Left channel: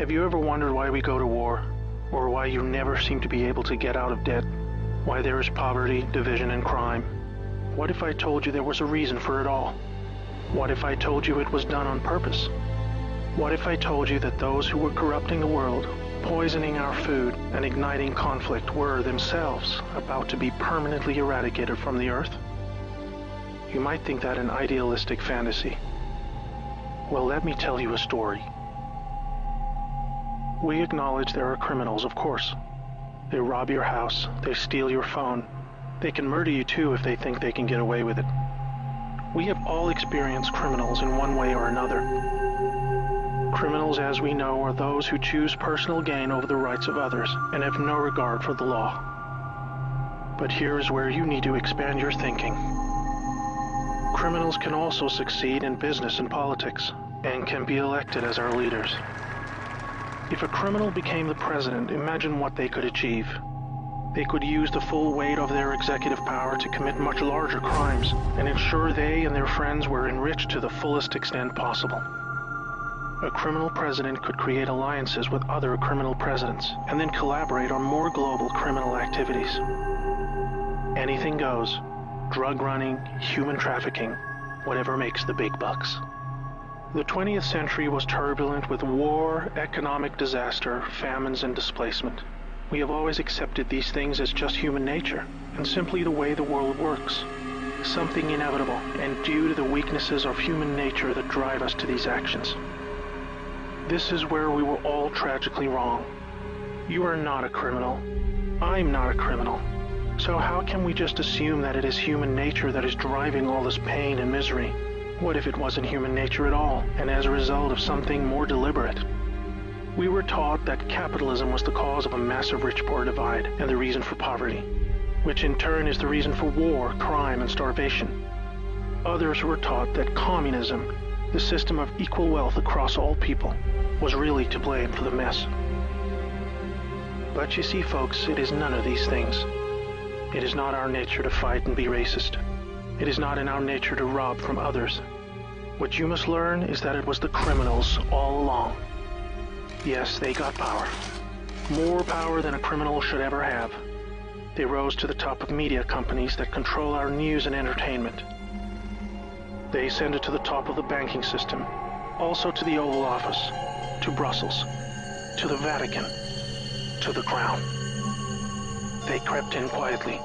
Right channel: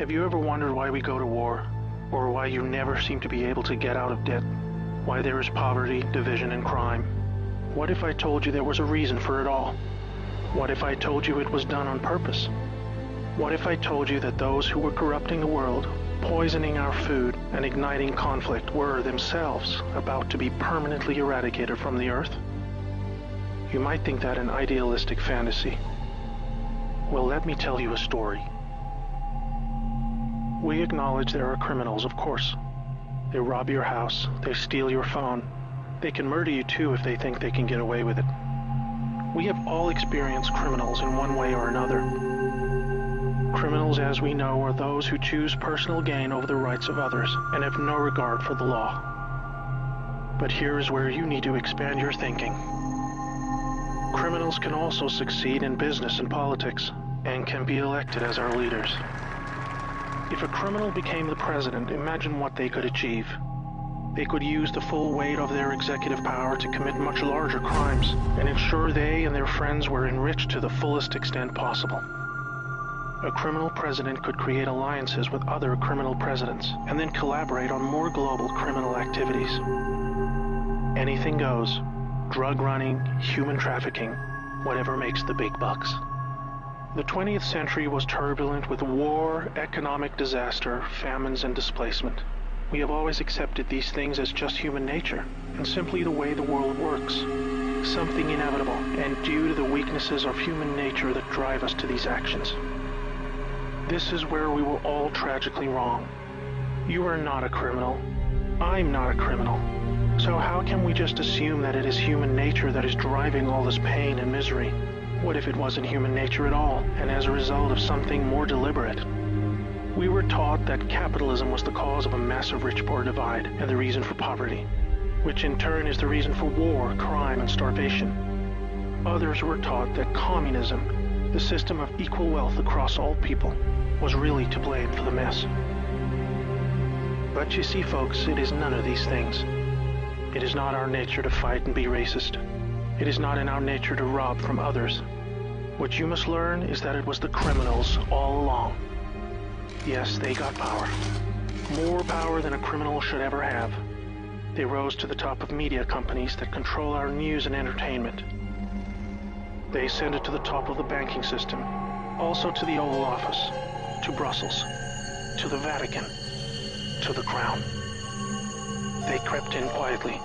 Have you ever wondered why we go to war? Or why you never seem to be able to get out of debt? Why there is poverty, division, and crime? What if I told you there was a reason for it all? What if I told you it was done on purpose? What if I told you that those who were corrupting the world, poisoning our food, and igniting conflict were themselves about to be permanently eradicated from the earth? You might think that an idealistic fantasy. Well, let me tell you a story. We acknowledge there are criminals, of course. They rob your house, they steal your phone. They can murder you too if they think they can get away with it. We have all experienced criminals in one way or another. Criminals, as we know, are those who choose personal gain over the rights of others and have no regard for the law. But here is where you need to expand your thinking. Criminals can also succeed in business and politics and can be elected as our leaders. If a criminal became the president, imagine what they could achieve. They could use the full weight of their executive power to commit much larger crimes and ensure they and their friends were enriched to the fullest extent possible. A criminal president could create alliances with other criminal presidents and then collaborate on more global criminal activities. Anything goes. Drug running, human trafficking, whatever makes the big bucks. The 20th century was turbulent with war, economic disaster, famines, and displacement. We have always accepted these things as just human nature, and simply the way the world works. Something inevitable, and due to the weaknesses of human nature that drive us to these actions. This is where we were all tragically wrong. You are not a criminal. I'm not a criminal. So how can we just assume that it is human nature that is driving all this pain and misery? What if it wasn't human nature at all, and as a result of something more deliberate? We were taught that capitalism was the cause of a massive rich-poor divide and the reason for poverty, which in turn is the reason for war, crime, and starvation. Others were taught that communism, the system of equal wealth across all people, was really to blame for the mess. But you see, folks, it is none of these things. It is not our nature to fight and be racist. It is not in our nature to rob from others. What you must learn is that it was the criminals all along. Yes, they got power. More power than a criminal should ever have. They rose to the top of media companies that control our news and entertainment. They ascended to the top of the banking system, also to the Oval Office, to Brussels, to the Vatican, to the Crown. They crept in quietly.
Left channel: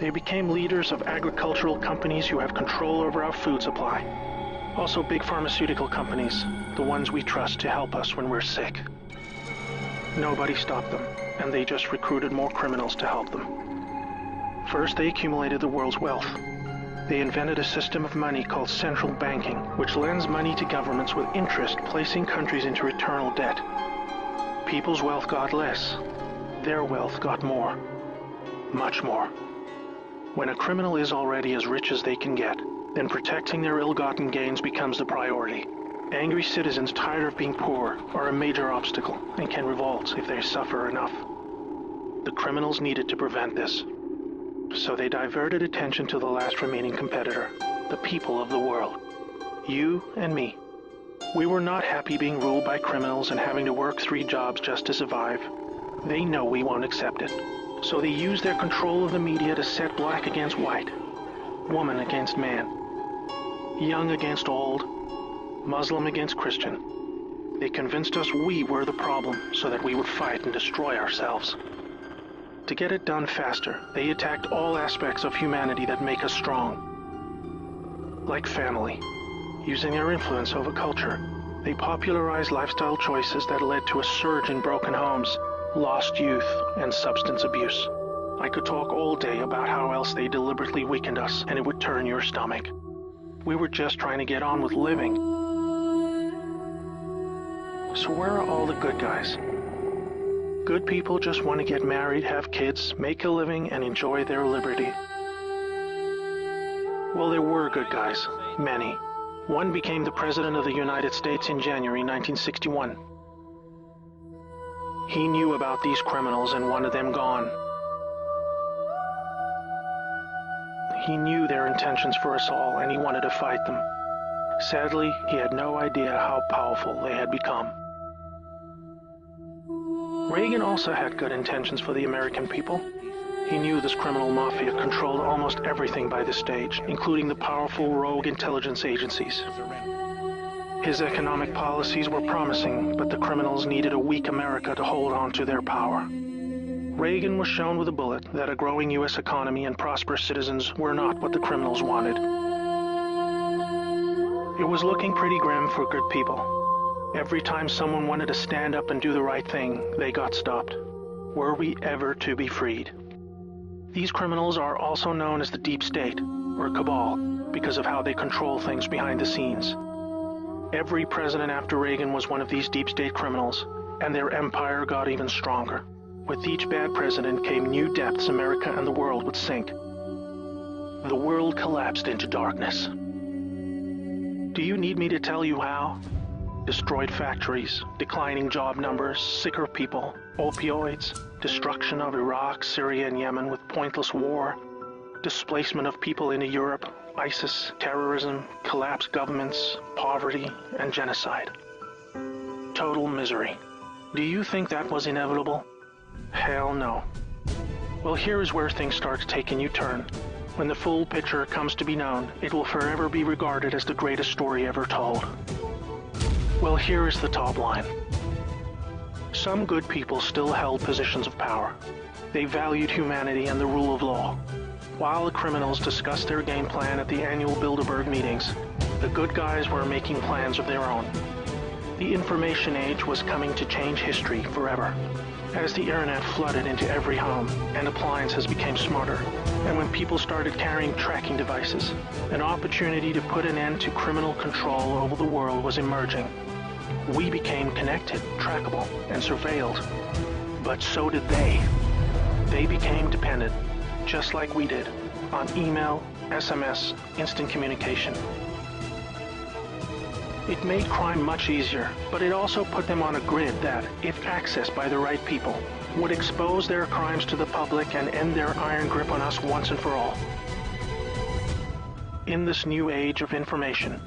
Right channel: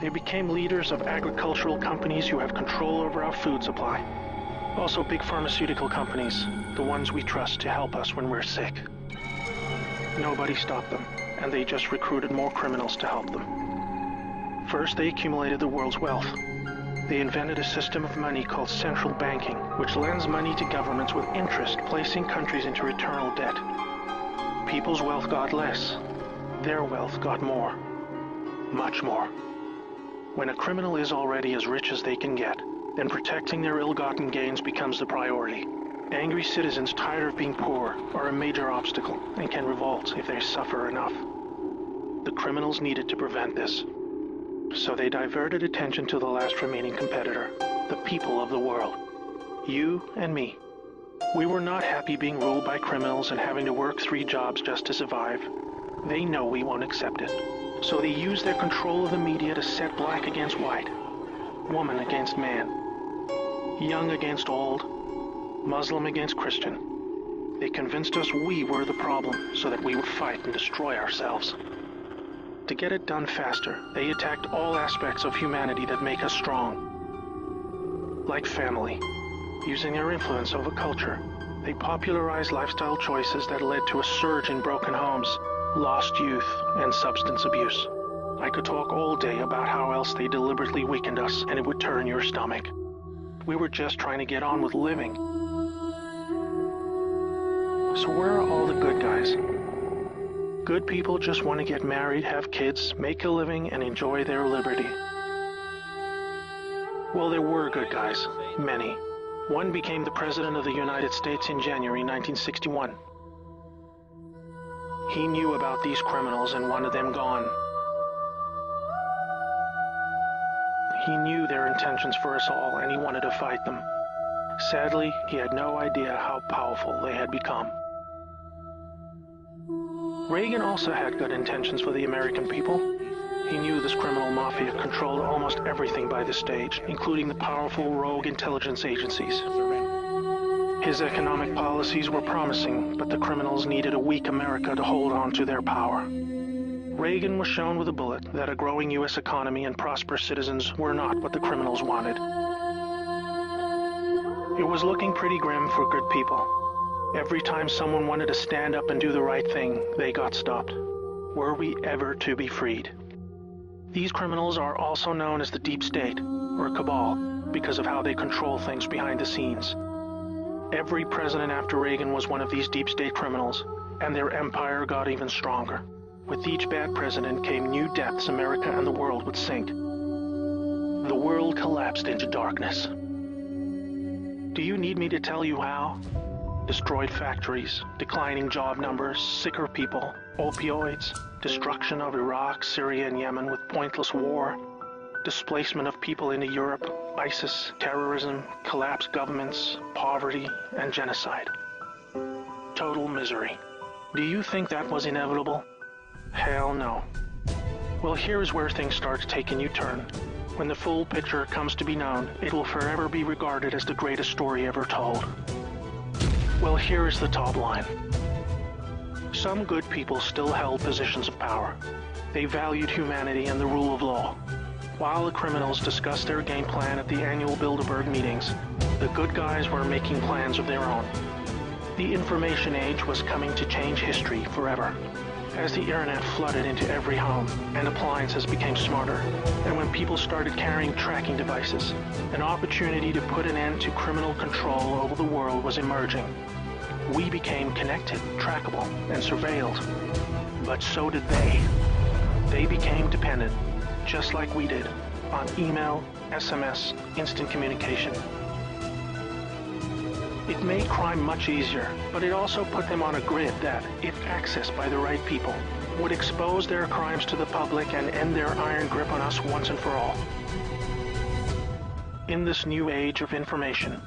They became leaders of agricultural companies who have control over our food supply. Also big pharmaceutical companies, the ones we trust to help us when we're sick. Nobody stopped them, and they just recruited more criminals to help them. First, they accumulated the world's wealth. They invented a system of money called central banking, which lends money to governments with interest, placing countries into eternal debt. People's wealth got less. Their wealth got more. Much more. When a criminal is already as rich as they can get, then protecting their ill-gotten gains becomes the priority. Angry citizens tired of being poor are a major obstacle and can revolt if they suffer enough. The criminals needed to prevent this. So they diverted attention to the last remaining competitor, the people of the world. You and me. We were not happy being ruled by criminals and having to work 3 jobs just to survive. They know we won't accept it. So they use their control of the media to set black against white, woman against man, young against old, Muslim against Christian. They convinced us we were the problem so that we would fight and destroy ourselves. To get it done faster, they attacked all aspects of humanity that make us strong. Like family. Using their influence over culture, they popularized lifestyle choices that led to a surge in broken homes, lost youth, and substance abuse. I could talk all day about how else they deliberately weakened us, and it would turn your stomach. We were just trying to get on with living. So where are all the good guys? Good people just want to get married, have kids, make a living, and enjoy their liberty. Well, there were good guys. Many. One became the President of the United States in January 1961. He knew about these criminals and wanted them gone. He knew their intentions for us all, and he wanted to fight them. Sadly, he had no idea how powerful they had become. Reagan also had good intentions for the American people. He knew this criminal mafia controlled almost everything by this stage, including the powerful rogue intelligence agencies. His economic policies were promising, but the criminals needed a weak America to hold on to their power. Reagan was shown with a bullet that a growing U.S. economy and prosperous citizens were not what the criminals wanted. It was looking pretty grim for good people. Every time someone wanted to stand up and do the right thing, they got stopped. Were we ever to be freed? These criminals are also known as the Deep State, or Cabal, because of how they control things behind the scenes. Every president after Reagan was one of these Deep State criminals, and their empire got even stronger. With each bad president came new depths America and the world would sink. The world collapsed into darkness. Do you need me to tell you how? Destroyed factories, declining job numbers, sicker people, opioids, destruction of Iraq, Syria, and Yemen with pointless war, displacement of people into Europe, ISIS, terrorism, collapsed governments, poverty, and genocide. Total misery. Do you think that was inevitable? Hell no. Well, here's where things start taking a U-turn. When the full picture comes to be known, it will forever be regarded as the greatest story ever told. Well, here is the top line. Some good people still held positions of power. They valued humanity and the rule of law. While the criminals discussed their game plan at the annual Bilderberg meetings, the good guys were making plans of their own. The information age was coming to change history forever. As the internet flooded into every home and appliances became smarter, and when people started carrying tracking devices, an opportunity to put an end to criminal control over the world was emerging. We became connected, trackable, and surveilled. But so did they. They became dependent, just like we did, on email, SMS, instant communication. It made crime much easier, but it also put them on a grid that, if accessed by the right people, would expose their crimes to the public and end their iron grip on us once and for all. In this new age of information,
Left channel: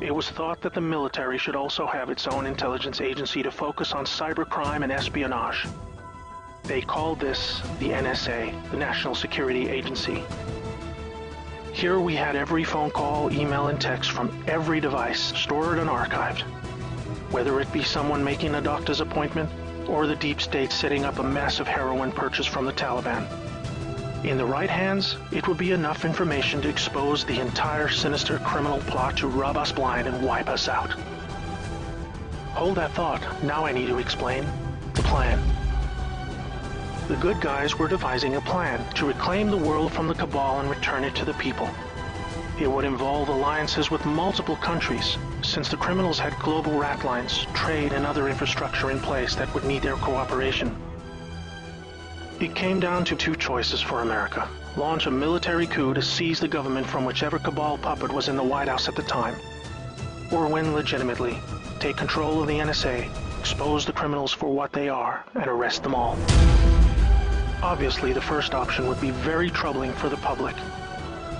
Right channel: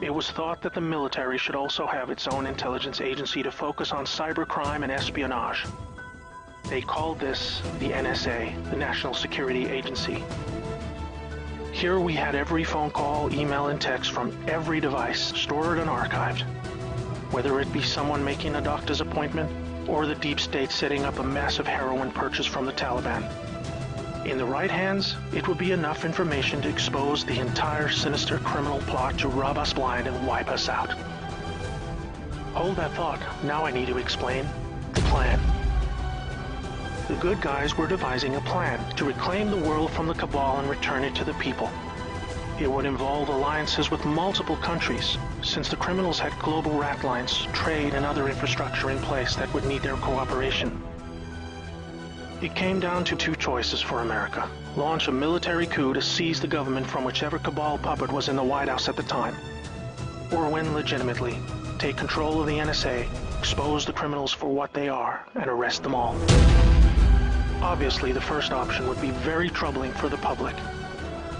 it was thought that the military should also have its own intelligence agency to focus on cybercrime and espionage. They called this the NSA, the National Security Agency. Here we had every phone call, email, and text from every device stored and archived. Whether it be someone making a doctor's appointment, or the Deep State setting up a massive heroin purchase from the Taliban. In the right hands, it will be enough information to expose the entire sinister criminal plot to rub us blind and wipe us out. Hold that thought. Now I need to explain the plan. The good guys were devising a plan to reclaim the world from the cabal and return it to the people. It would involve alliances with multiple countries, since the criminals had global rat lines, trade, and other infrastructure in place that would need their cooperation. It came down to two choices for America. Launch a military coup to seize the government from whichever cabal puppet was in the White House at the time. Or win legitimately, take control of the NSA, expose the criminals for what they are, and arrest them all. Obviously, the first option would be very troubling for the public.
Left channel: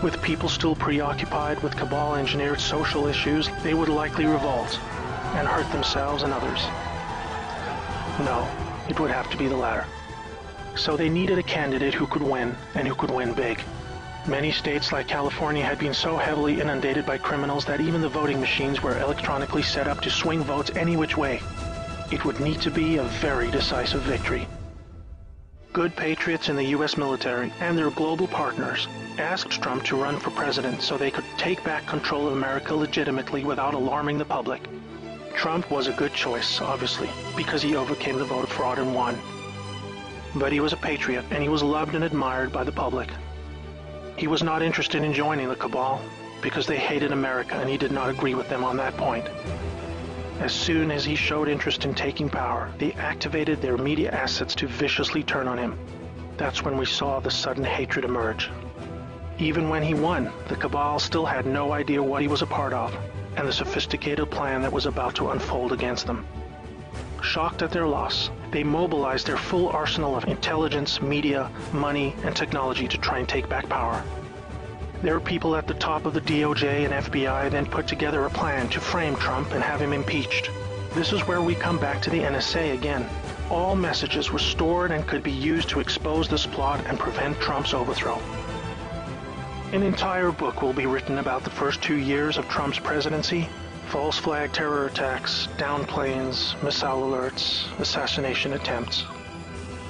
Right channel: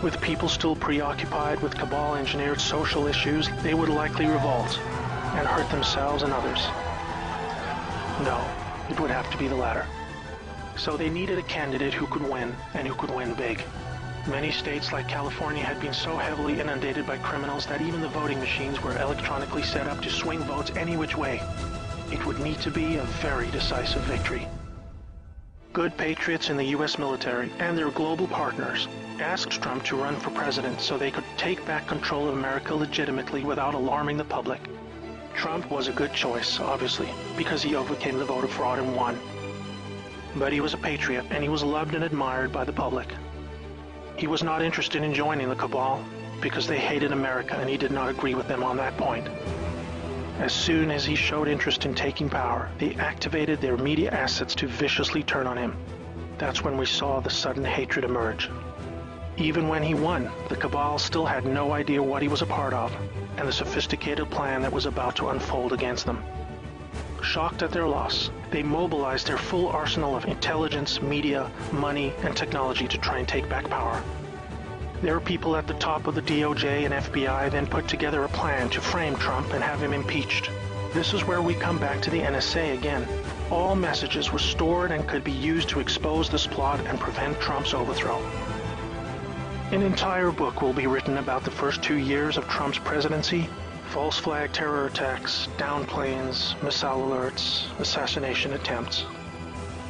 With people still preoccupied with cabal-engineered social issues, they would likely revolt and hurt themselves and others. No, it would have to be the latter. So they needed a candidate who could win, and who could win big. Many states like California had been so heavily inundated by criminals that even the voting machines were electronically set up to swing votes any which way. It would need to be a very decisive victory. Good patriots in the U.S. military and their global partners asked Trump to run for president so they could take back control of America legitimately without alarming the public. Trump was a good choice, obviously, because he overcame the voter fraud and won. But he was a patriot, and he was loved and admired by the public. He was not interested in joining the cabal, because they hated America and he did not agree with them on that point. As soon as he showed interest in taking power, they activated their media assets to viciously turn on him. That's when we saw the sudden hatred emerge. Even when he won, the cabal still had no idea what he was a part of, and the sophisticated plan that was about to unfold against them. Shocked at their loss, they mobilized their full arsenal of intelligence, media, money, and technology to try and take back power. There are people at the top of the DOJ and FBI then put together a plan to frame Trump and have him impeached. This is where we come back to the NSA again. All messages were stored and could be used to expose this plot and prevent Trump's overthrow. An entire book will be written about the first 2 years of Trump's presidency: false flag terror attacks, downed planes, missile alerts, assassination attempts.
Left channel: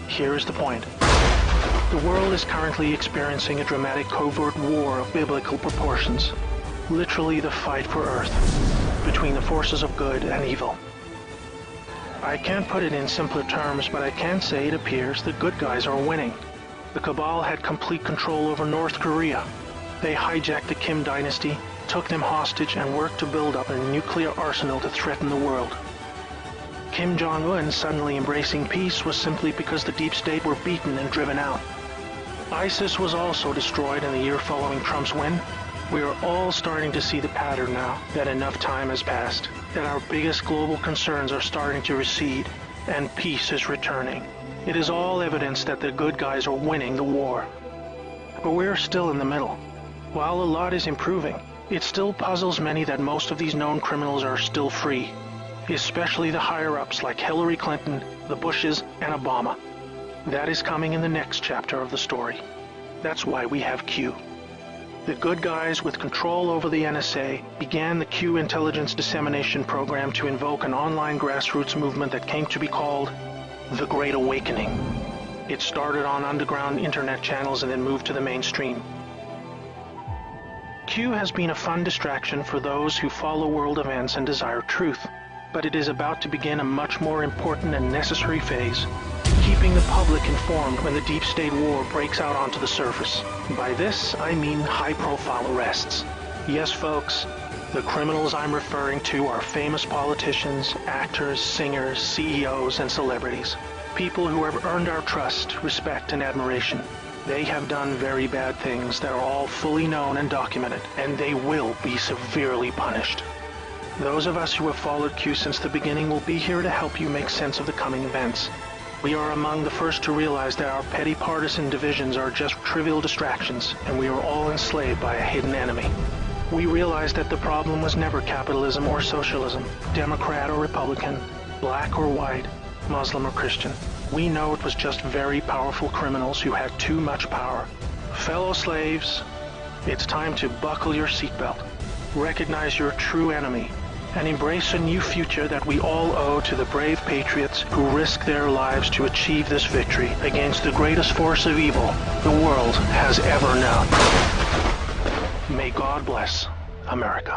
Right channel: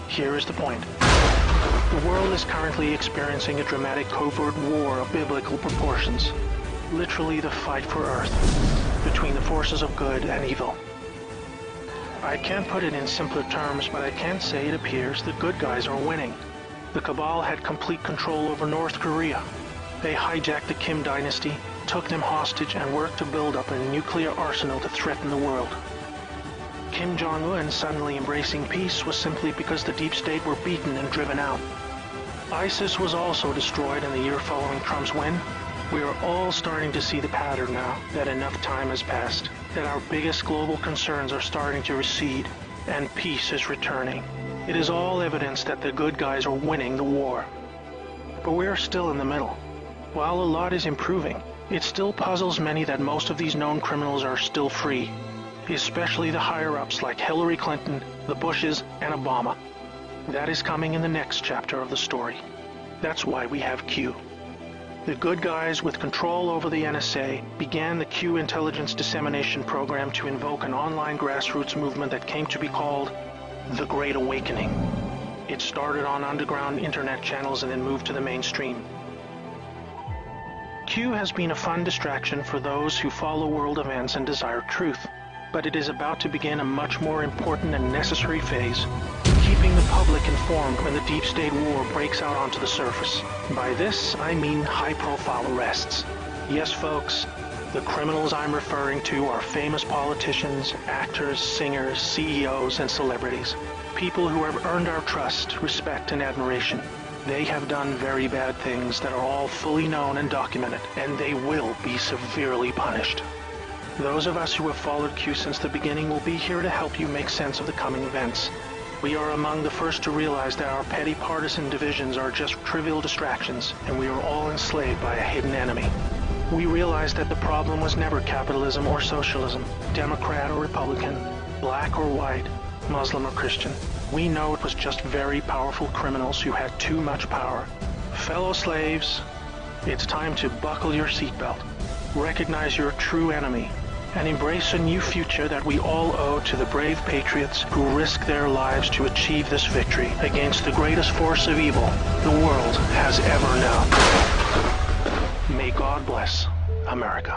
Here is the point. The world is currently experiencing a dramatic covert war of biblical proportions. Literally the fight for Earth, between the forces of good and evil. I can't put it in simpler terms, but I can say it appears the good guys are winning. The Cabal had complete control over North Korea. They hijacked the Kim dynasty, took them hostage, and worked to build up a nuclear arsenal to threaten the world. Kim Jong-un suddenly embracing peace was simply because the deep state were beaten and driven out. ISIS was also destroyed in the year following Trump's win. We are all starting to see the pattern now, that enough time has passed, that our biggest global concerns are starting to recede, and peace is returning. It is all evidence that the good guys are winning the war. But we're still in the middle. While a lot is improving, it still puzzles many that most of these known criminals are still free, especially the higher-ups like Hillary Clinton, the Bushes, and Obama. That is coming in the next chapter of the story. That's why we have Q. The good guys with control over the NSA began the Q intelligence dissemination program to invoke an online grassroots movement that came to be called the Great Awakening. It started on underground internet channels and then moved to the mainstream. Q has been a fun distraction for those who follow world events and desire truth, but it is about to begin a much more important and necessary phase, keeping the public informed when the deep state war breaks out onto the surface. By this, I mean high-profile arrests. Yes, folks, the criminals I'm referring to are famous politicians, actors, singers, CEOs, and celebrities. People who have earned our trust, respect, and admiration. They have done very bad things that are all fully known and documented, and they will be severely punished. Those of us who have followed Q since the beginning will be here to help you make sense of the coming events. We are among the first to realize that our petty partisan divisions are just trivial distractions, and we are all enslaved by a hidden enemy. We realize that the problem was never capitalism or socialism, Democrat or Republican, black or white, Muslim or Christian. We know it was just very powerful criminals who had too much power. Fellow slaves, it's time to buckle your seatbelt, recognize your true enemy, and embrace a new future that we all owe to the brave patriots who risk their lives to achieve this victory against the greatest force of evil the world has ever known. May God bless America.